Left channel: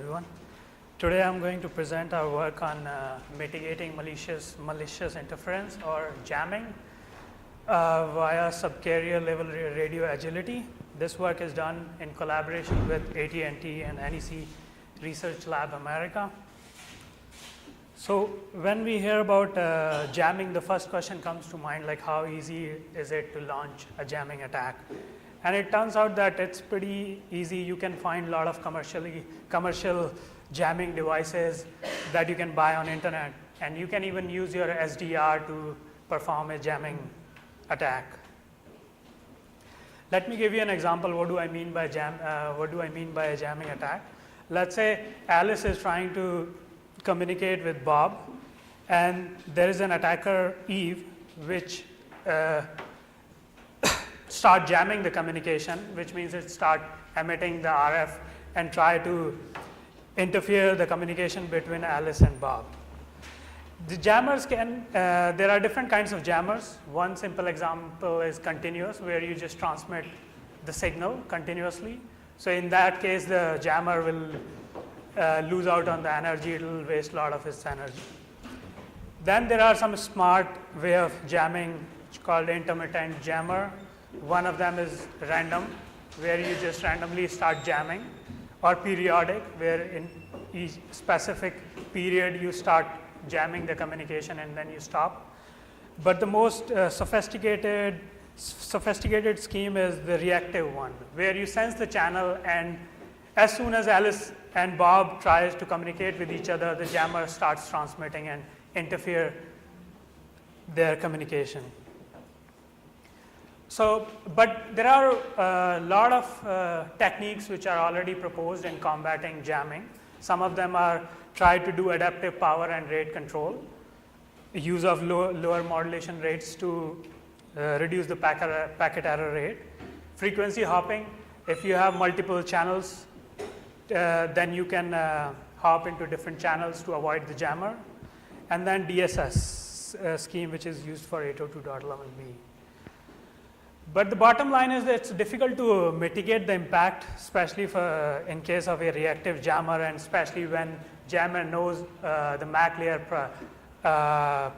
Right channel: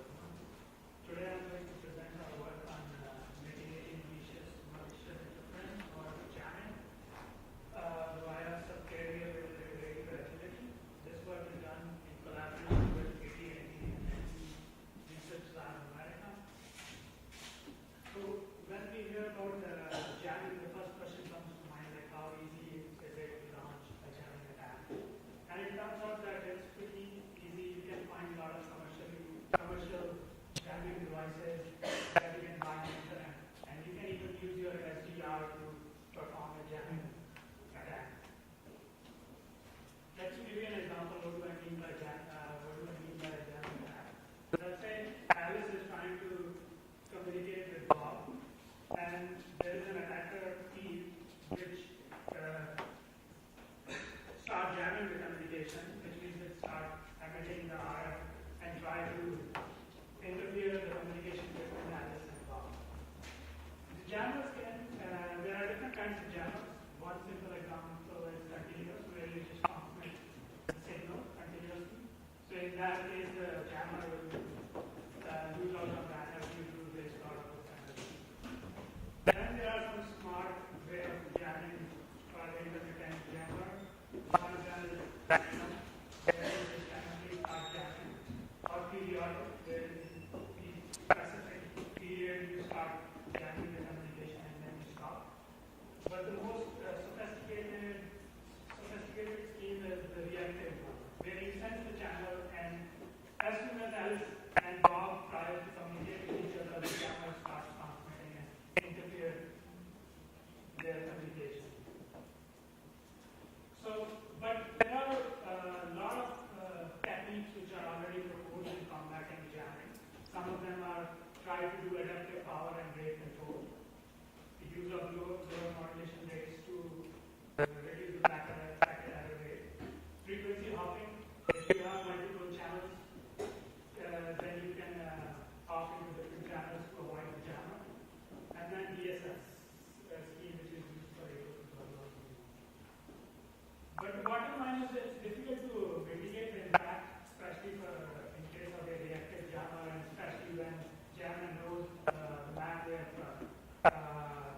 everyone. Today I'm going to present our work on mitigating malicious interference or jamming via subcarrier-level radio agility. This work is done in collaboration with AT&T and NEC Research Lab America. So when we hear about jamming, the first question comes to mind, like how easy is it to launch a jamming attack? And it turns out that it's pretty easy. You can find a lot of commercial jamming devices that you can buy on internet, and you can even use your SDR to perform a jamming attack. Let me give you an example. What do I mean by a jamming attack? Let's say Alice is trying to communicate with Bob, and there is an attacker, Eve, which start jamming the communication, which means it start emitting the RF and try to interfere the communication between Alice and Bob. The jammers there are different kinds of jammers. One simple example is continuous, where you just transmit the signal continuously. So in that case, the jammer will lose out on the energy, it will waste a lot of its energy. Then there are some smart way of jamming called intermittent jammer. One of them is random, where you just randomly start jamming, or periodic, where in each specific period you start jamming the communication and then you stop. But the most sophisticated scheme is the reactive one, where you sense the channel, and as soon as Alice and Bob tries to communicate with each other, the jammer starts transmitting and interfere their communication. So, but there are a lot of techniques which are already proposed in combating jamming. Some of them are try to do adaptive power and rate control, use of lower modulation rates to reduce the packet error rate, frequency hopping. If you have multiple channels, then you can hop into different channels to avoid the jammer, and then DSS scheme, which is used for 802.11b. But the bottom line is that it's difficult to mitigate the impact, especially in case of a reactive jammer, and especially when jammer knows the MAC layer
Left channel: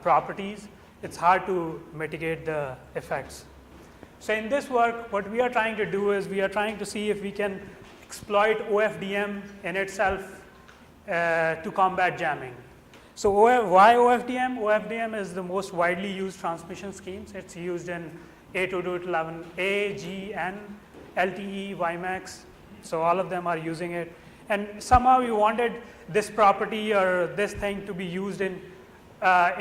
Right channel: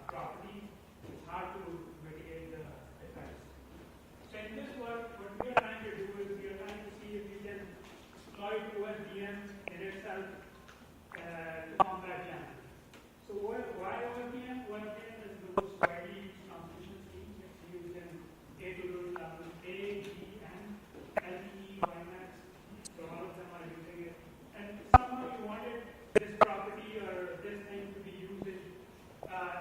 properties. It's hard to mitigate the effects. So in this work, what we are trying to do is we are trying to see if we can exploit OFDM in itself to combat jamming. So why OFDM? OFDM is the most widely used transmission schemes. It's used in 802.11a, G, N, LTE, WiMAX. So all of them are using it. And somehow you wanted this property or this thing to be used in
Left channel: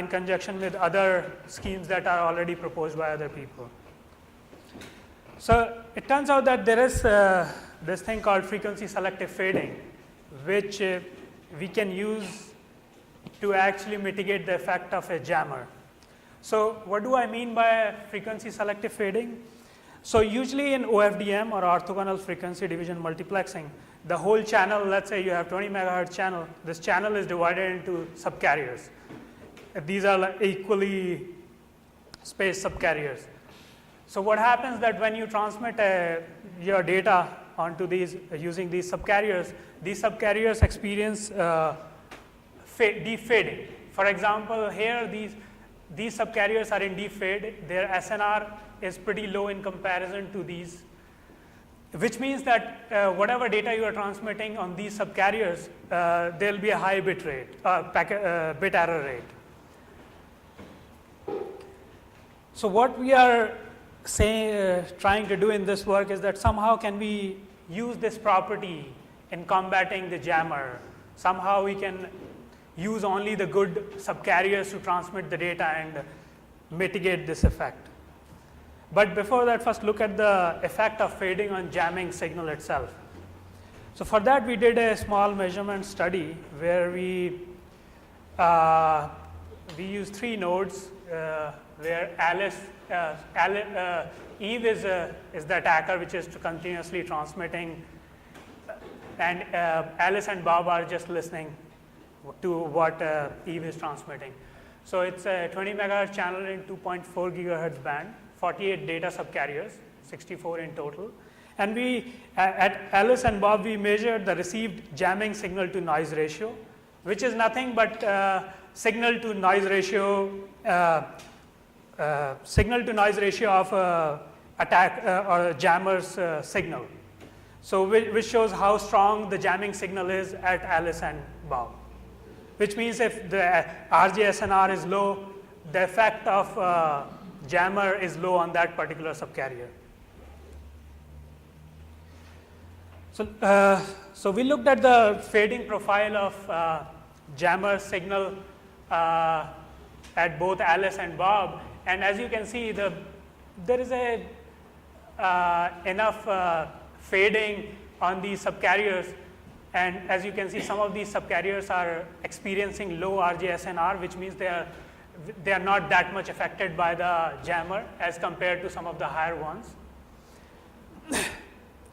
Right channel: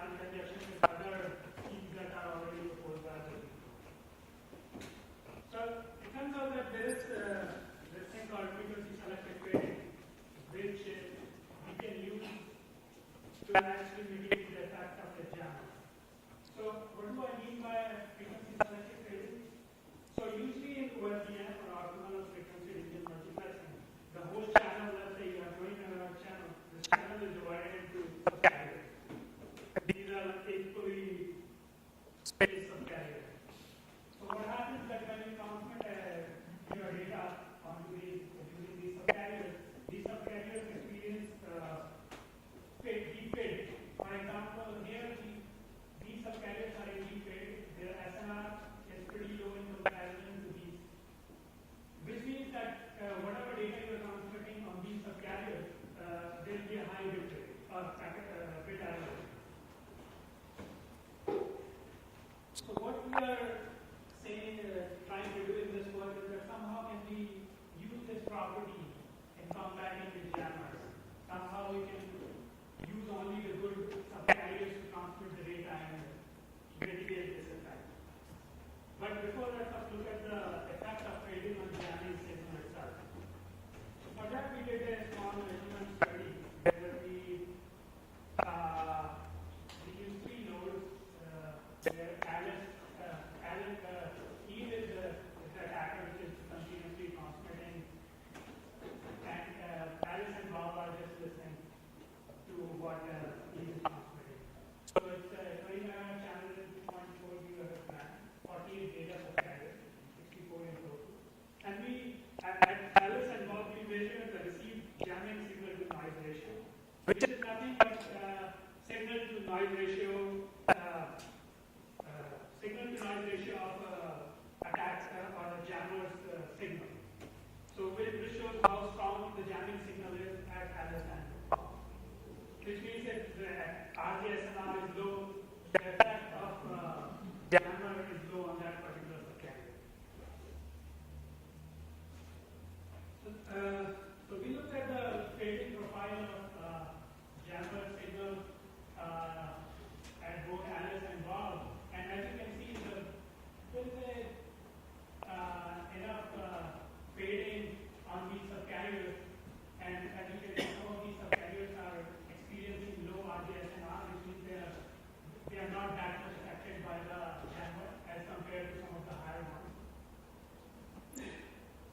conjunction with other schemes that are already proposed by other people. So it turns out that there is this thing called frequency selective fading, which we can use to actually mitigate the effect of a jammer. So what do I mean by frequency selective fading? So usually in OFDM, or orthogonal frequency division multiplexing, the whole channel, let's say you have 20 megahertz channel, this channel is divided into subcarriers. These are like equally spaced subcarriers. So what happens that when you transmit your data onto these using these subcarriers experience deep fading. For example, here these subcarriers are in deep fade. Their SNR is pretty low in comparison to these, which means that whatever data you are transmitting on these subcarriers, there will be a high bit rate, bit error rate. So what we are trying to do in this work is that somehow can we use this property in combating the jammer. Somehow we can use only the good subcarriers to transmit the data and mitigate this effect. But before that, first look at the effect of fading on jamming signal itself. So for that, we did a small measurement study where we used 3 nodes where Eve is the attacker, which is continuously transmitting, and Alice and Bob are just listening to what Eve is transmitting. So it's a 20 megahertz channel in 2.4 gigahertz band, 48 data subcarriers, 64 in total. And we, at Alice and Bob, we measured the received jamming signal to noise ratio, which is nothing but signal to noise ratio of attack or a jammer's signal. So which shows how strong the jamming signal is at Alice and Bob. Which means if the RGSNR is low, the effect of jammer is low on that particular subcarrier. So we looked at the fading profile of jammer signal at both Alice and Bob, and as you can see, there is enough fading on these subcarriers, and as you can see, some of these subcarriers are experiencing low RGSNR, which means they are not that much affected by the jammer as compared to some of the higher ones.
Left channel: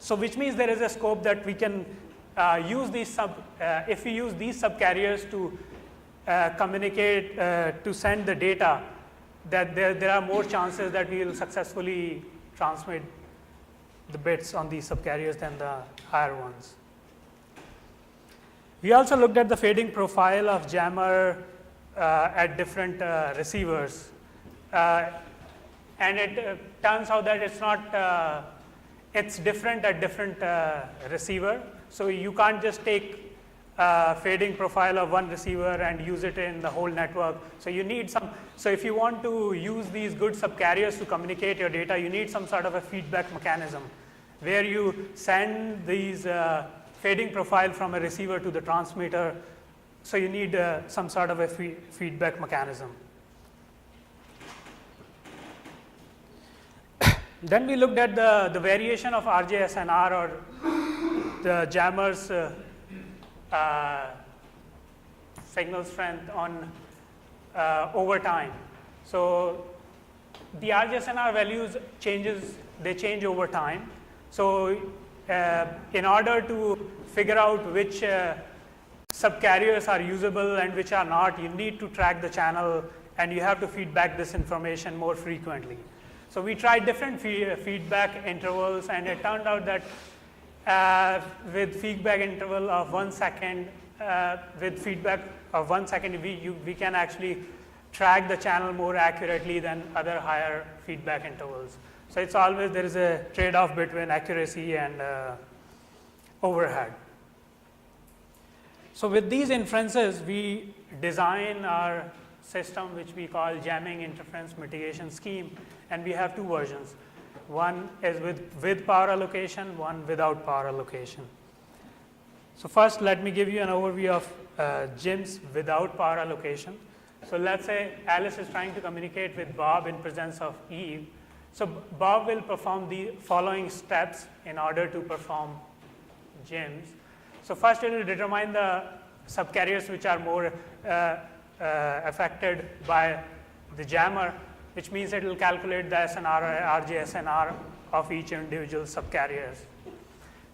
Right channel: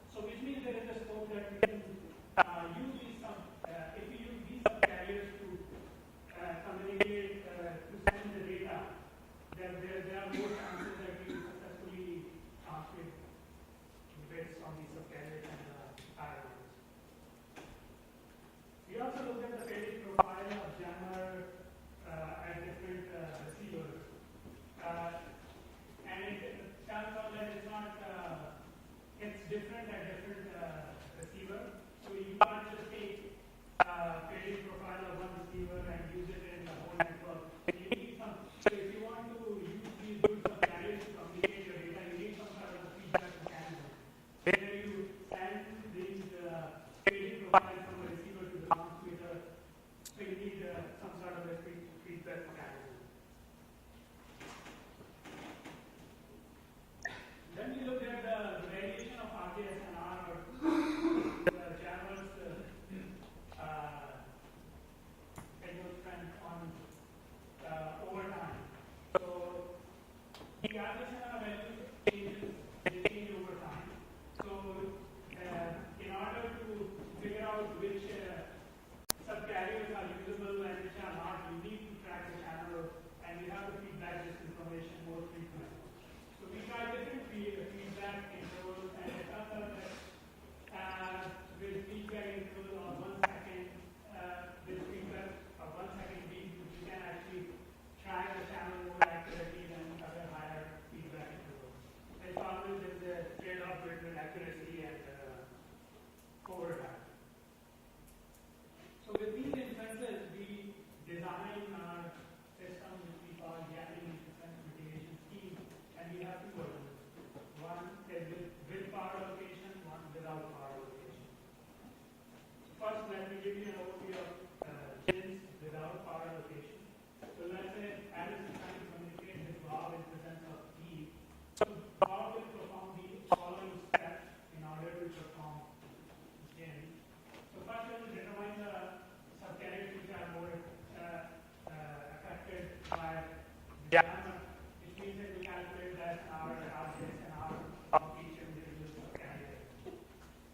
So which means there is a scope that we can use these if we use these subcarriers to communicate, to send the data, that there are more chances that we will successfully transmit the bits on these subcarriers than the higher ones. We also looked at the fading profile of jammer at different receivers, and it turns out that it's not it's different at different receiver. So you can't just take fading profile of one receiver and use it in the whole network. So you need some, so if you want to use these good subcarriers to communicate your data, you need some sort of a feedback mechanism where you send these fading profile from a receiver to the transmitter. So you need some sort of a feedback mechanism. Then we looked at the variation of RGSNR, or the jammer's signal strength on over time. So the RGSNR values they change over time. So in order to figure out which subcarriers are usable and which are not, you need to track the channel, and you have to feedback this information more frequently. So we tried different feedback intervals, and it turned out that with feedback interval of 1 second, we can actually track the channel more accurately than other higher feedback intervals. So it's always, there is a trade-off between accuracy and overhead. So with these inferences, we design our system, which we call jamming interference mitigation scheme, and we have two versions. One is with power allocation, one without power allocation. So first, let me give you an overview of JIMs without power allocation. So let's say Alice is trying to communicate with Bob in presence of Eve. So Bob will perform the following steps in order to perform JIMs. So first, it will determine the subcarriers which are more affected by the jammer, which means it will calculate the SNR or RGSNR of each individual subcarriers.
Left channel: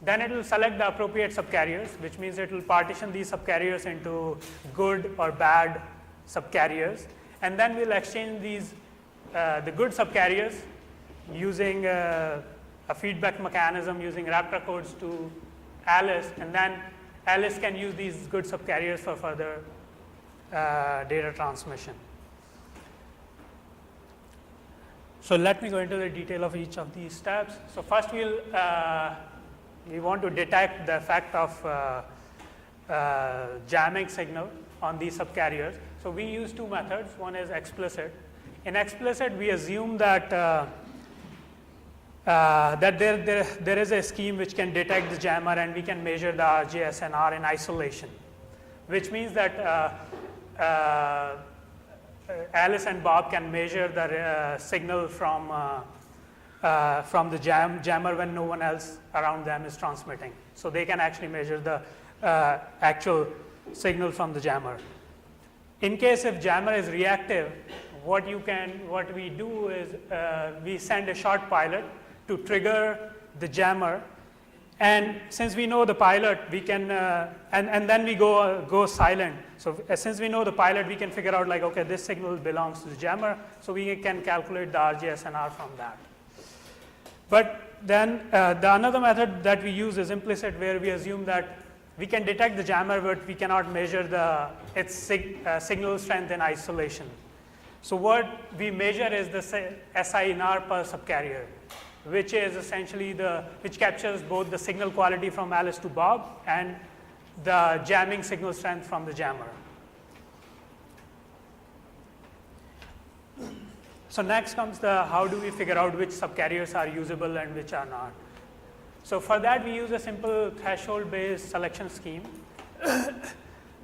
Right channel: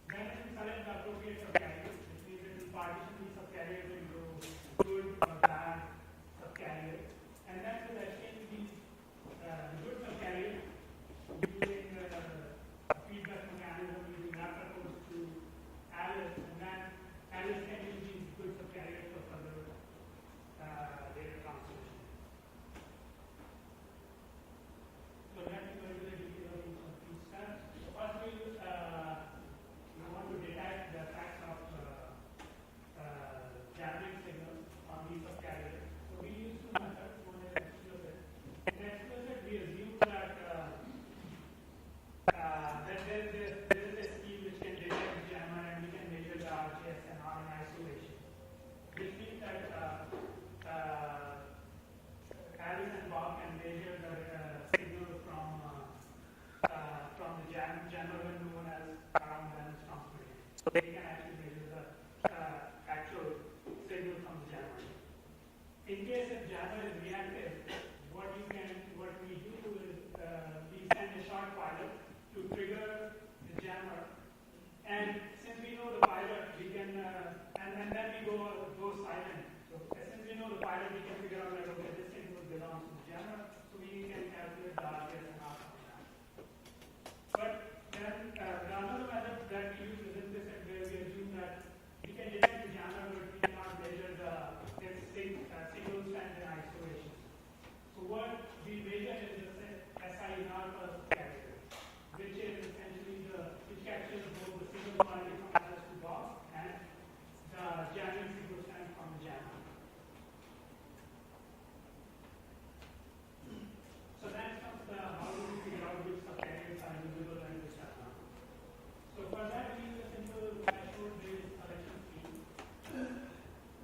Then it will select the appropriate subcarriers, which means it will partition these subcarriers into good or bad subcarriers, and then we'll exchange these the good subcarriers using a feedback mechanism using raptor codes to Alice, and then Alice can use these good subcarriers for further data transmission. So let me go into the detail of each of these steps. So first we want to detect the effect of jamming signal on these subcarriers. So we use two methods. One is explicit. In explicit, we assume that that there is a scheme which can detect the jammer, and we can measure the RGSNR in isolation, which means that Alice and Bob can measure the signal from the jammer when no one else around them is transmitting. So they can actually measure the actual signal from the jammer. In case if jammer is reactive, what we do is we send a short pilot to trigger the jammer, and since we know the pilot, we can and then we go silent. So since we know the pilot, we can figure out like, okay, this signal belongs to the jammer, so we can calculate the RGSNR from that. But then the another method that we use is implicit, where we assume that we can detect the jammer, but we cannot measure its signal strength in isolation. So what we measure is the SINR per subcarrier, which is essentially which captures both the signal quality from Alice to Bob and the jamming signal strength from the jammer. So next comes how do we figure out which subcarriers are usable and which are not. So for that we use a simple threshold-based selection scheme.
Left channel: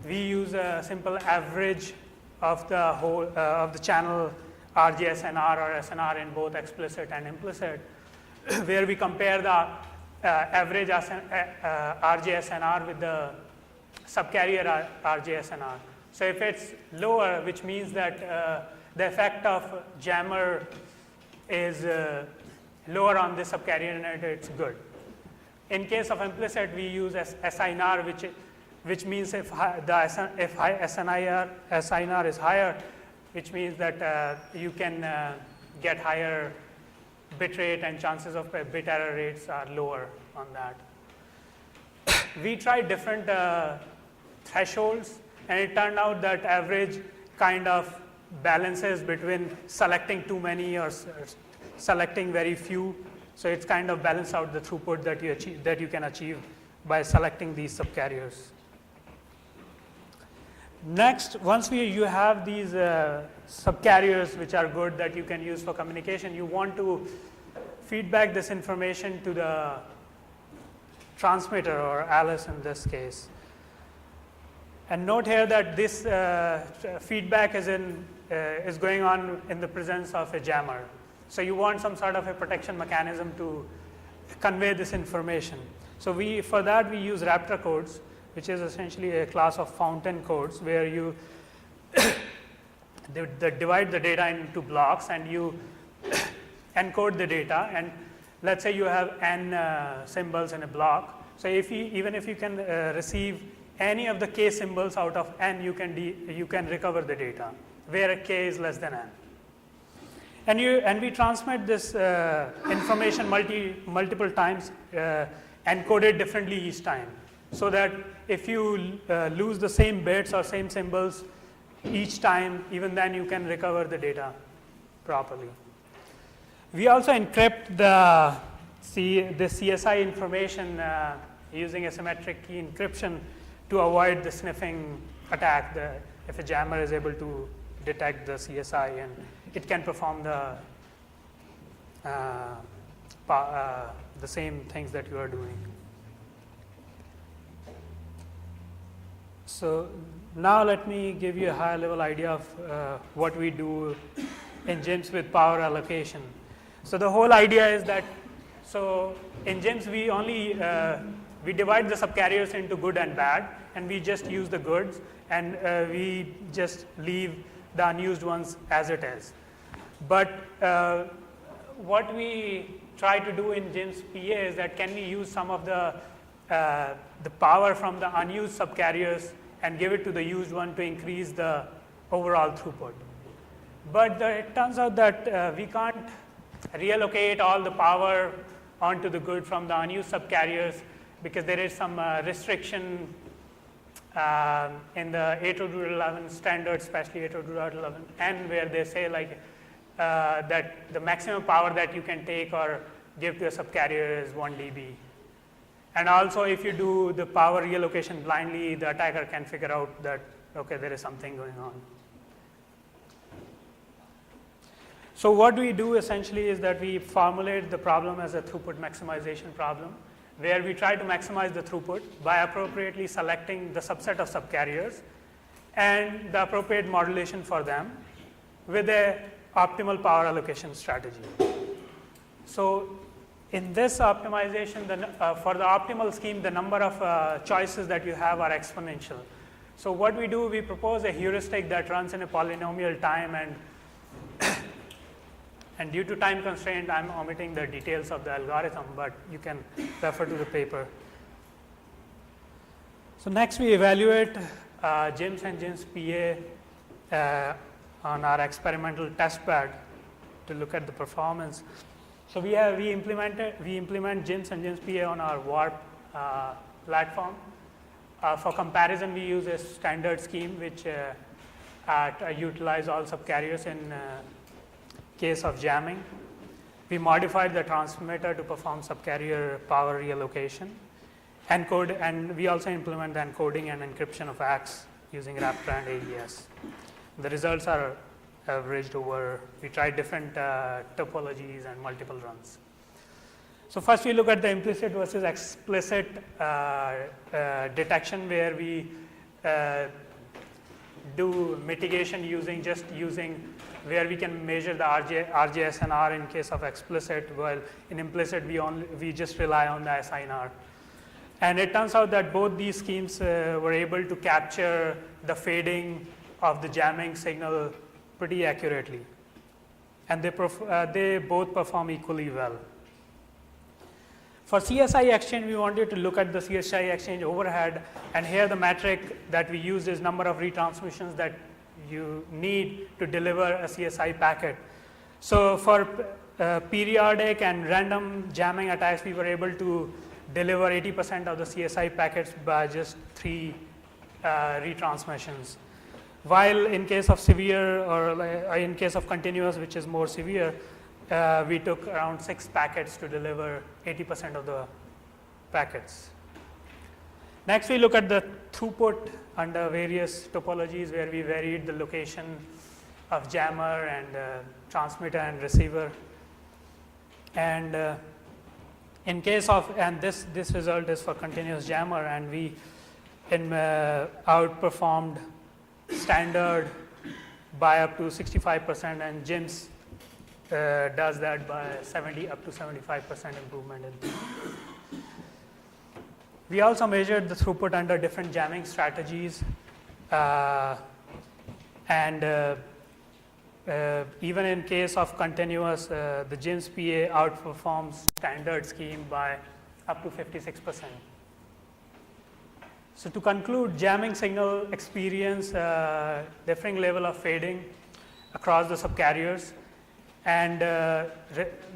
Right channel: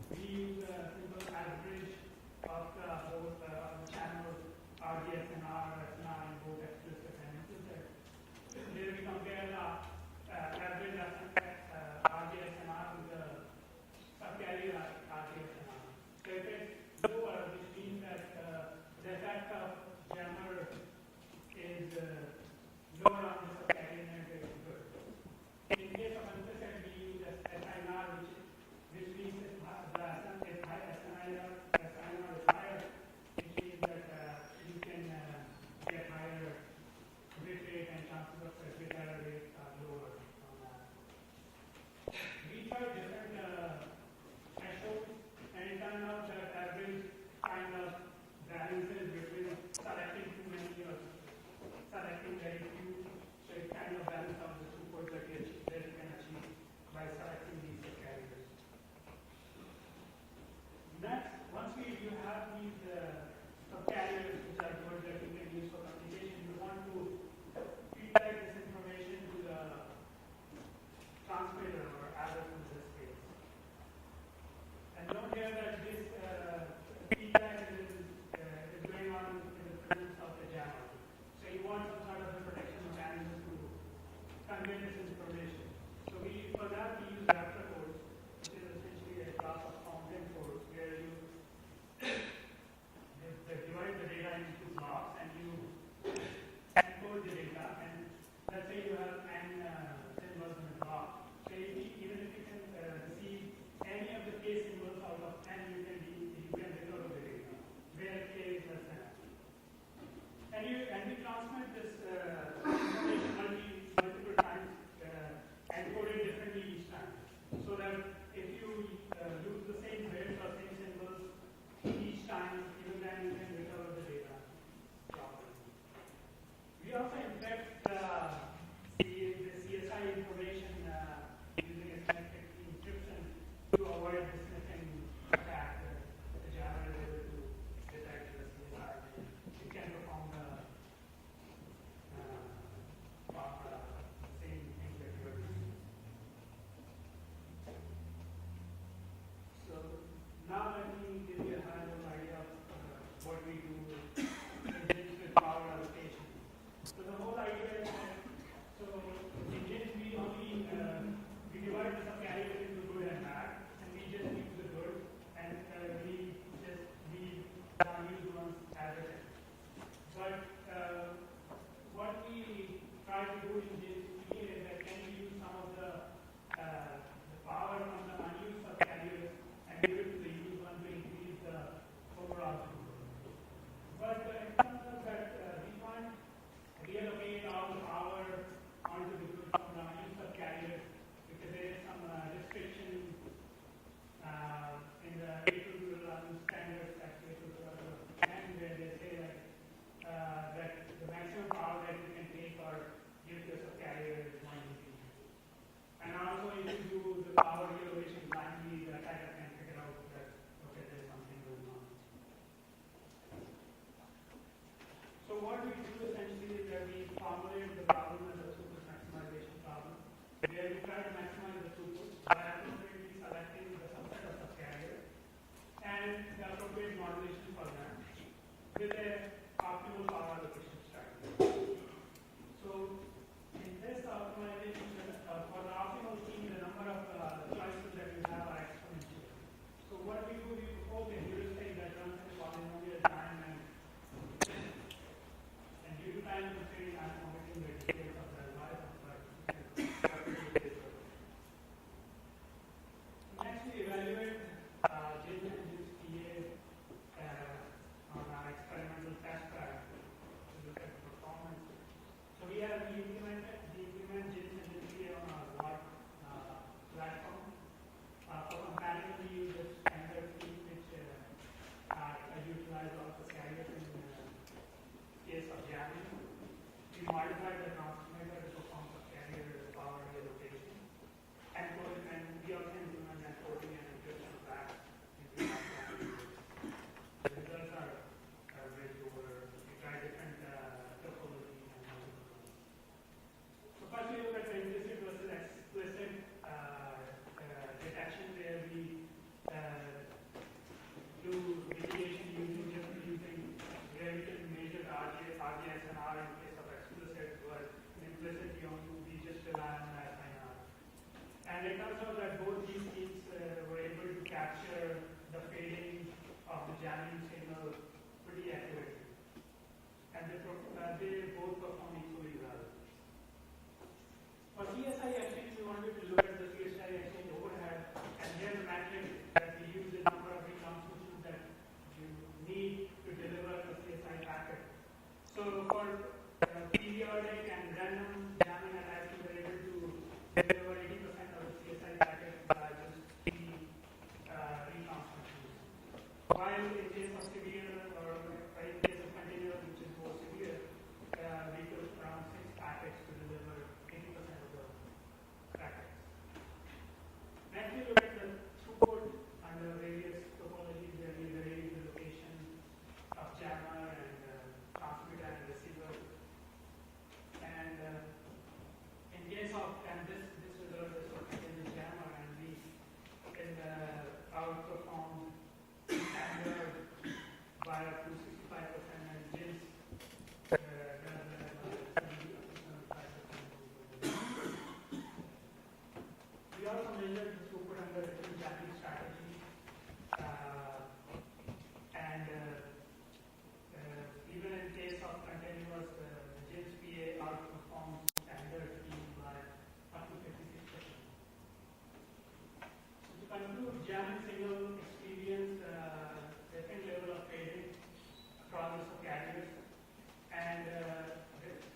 We use a simple average of the whole of the channel RGSNR or SNR in both explicit and implicit, where we compare the average RGSNR with the subcarrier RGSNR. So if it's lower, which means that the effect of jammer is lower on the subcarrier net, it's good. In case of implicit, we use SINR, which means if SINR is higher, which means that you can get higher bit rate and chances of bit error rates are lower on that. We tried different thresholds, and it turned out that average kind of balances between selecting too many or selecting very few. So it's kind of balance out the throughput that you can achieve by selecting these subcarriers. Next, once you have these subcarriers which are good that you can use for communication, you want to feedback this information to the transmitter, or Alice in this case. And note here that this feedback is going on in the presence of a jammer. So you want some sort of a protection mechanism to convey this information. So for that we use Raptor codes, which is essentially a class of fountain codes where you divide the data into blocks and you encode the data. And let's say you have n symbols in a block. So even if you can receive any of the k symbols out of n, you can recover the data, where k is less than n. And we transmit this information multiple times, encoded differently each time, so that if you lose the same bits or same symbols each time, even then you can recover the data properly. We also encrypt the CSI information using asymmetric key encryption to avoid the sniffing attack. If a jammer is able to detect the CSI, and it can perform the same things that you are doing. So now let me give you a high level idea of what we do in GIMPs with power allocation. So the whole idea is that, so in GIMPs we divide the subcarriers into good and bad, and we just use the goods, and we just leave the unused ones as it is. But what we try to do in GIMPs PA is that can we use some of the power from the unused subcarriers and give it to the used one to increase the overall throughput. But it turns out that we can't reallocate all the power onto the good from the unused subcarriers, because there is some restriction in the 802.11 standard, especially 802.11n, where they say like that the maximum power that you can take or give to a subcarrier is 1 dB. And also if you do the power reallocation blindly, the attacker can figure out that, okay, there is something going on. So what we do essentially is that we formulate the problem as a throughput maximization problem, where we try to maximize the throughput by appropriately selecting the subset of subcarriers and the appropriate modulation for them with a optimal power allocation strategy. So in this optimization, for the optimal scheme, the number of choices that you have are exponential. So what we do, we propose a heuristic that runs in a polynomial time, and due to time constraint, I'm omitting the details of the algorithm, but you can refer to the paper. So next we evaluate GIMPs and GIMPs PA on our experimental test bed to look at the performance. So we implement GIMS and GIMS PA on our Warp platform. For comparison, we use a standard scheme which utilize all subcarriers in case of jamming. We modified the transmitter to perform subcarrier power reallocation. And we also implement the encoding and encryption of ACKs using Raptor and AES. The results are averaged over, we tried different topologies and multiple runs. So first we look at the implicit versus explicit detection, where we do mitigation using where we can measure the RJSNR in case of explicit, while in implicit we just rely on the SINR. And it turns out that both these schemes were able to capture the fading of the jamming signal pretty accurately, and they both perform equally well. For CSI exchange, we wanted to look at the CSI exchange overhead, and here the metric that we use is number of retransmissions that you need to deliver a CSI packet. So for periodic and random jamming attacks, we were able to deliver 80% of the CSI packets by just 3 retransmissions. While in case of severe, or in case of continuous, which is more severe, we took around 6 packets to deliver 80% of the packets. Next, we look at the throughput under various topologies, where we varied the location of jammer and transmitter and receiver. And in case of, and this result is for continuous jammer, and we outperformed standard by up to 65%, and GIMS does that by up to 75% improvement. We also measured the throughput under different jamming strategies, and even in case of continuous, the GIMS PA outperforms standard scheme by up to 56%. So to conclude, jamming signal experience differing level of fading across the subcarriers, and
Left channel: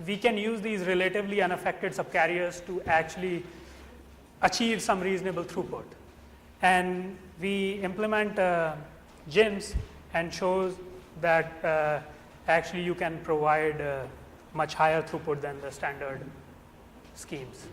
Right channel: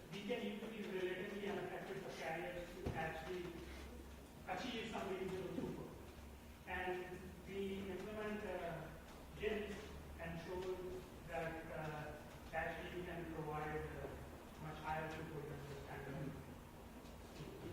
we can use these relatively unaffected subcarriers to actually achieve some reasonable throughput. And we implement GIMS and shows that actually you can provide much higher throughput than the standard schemes.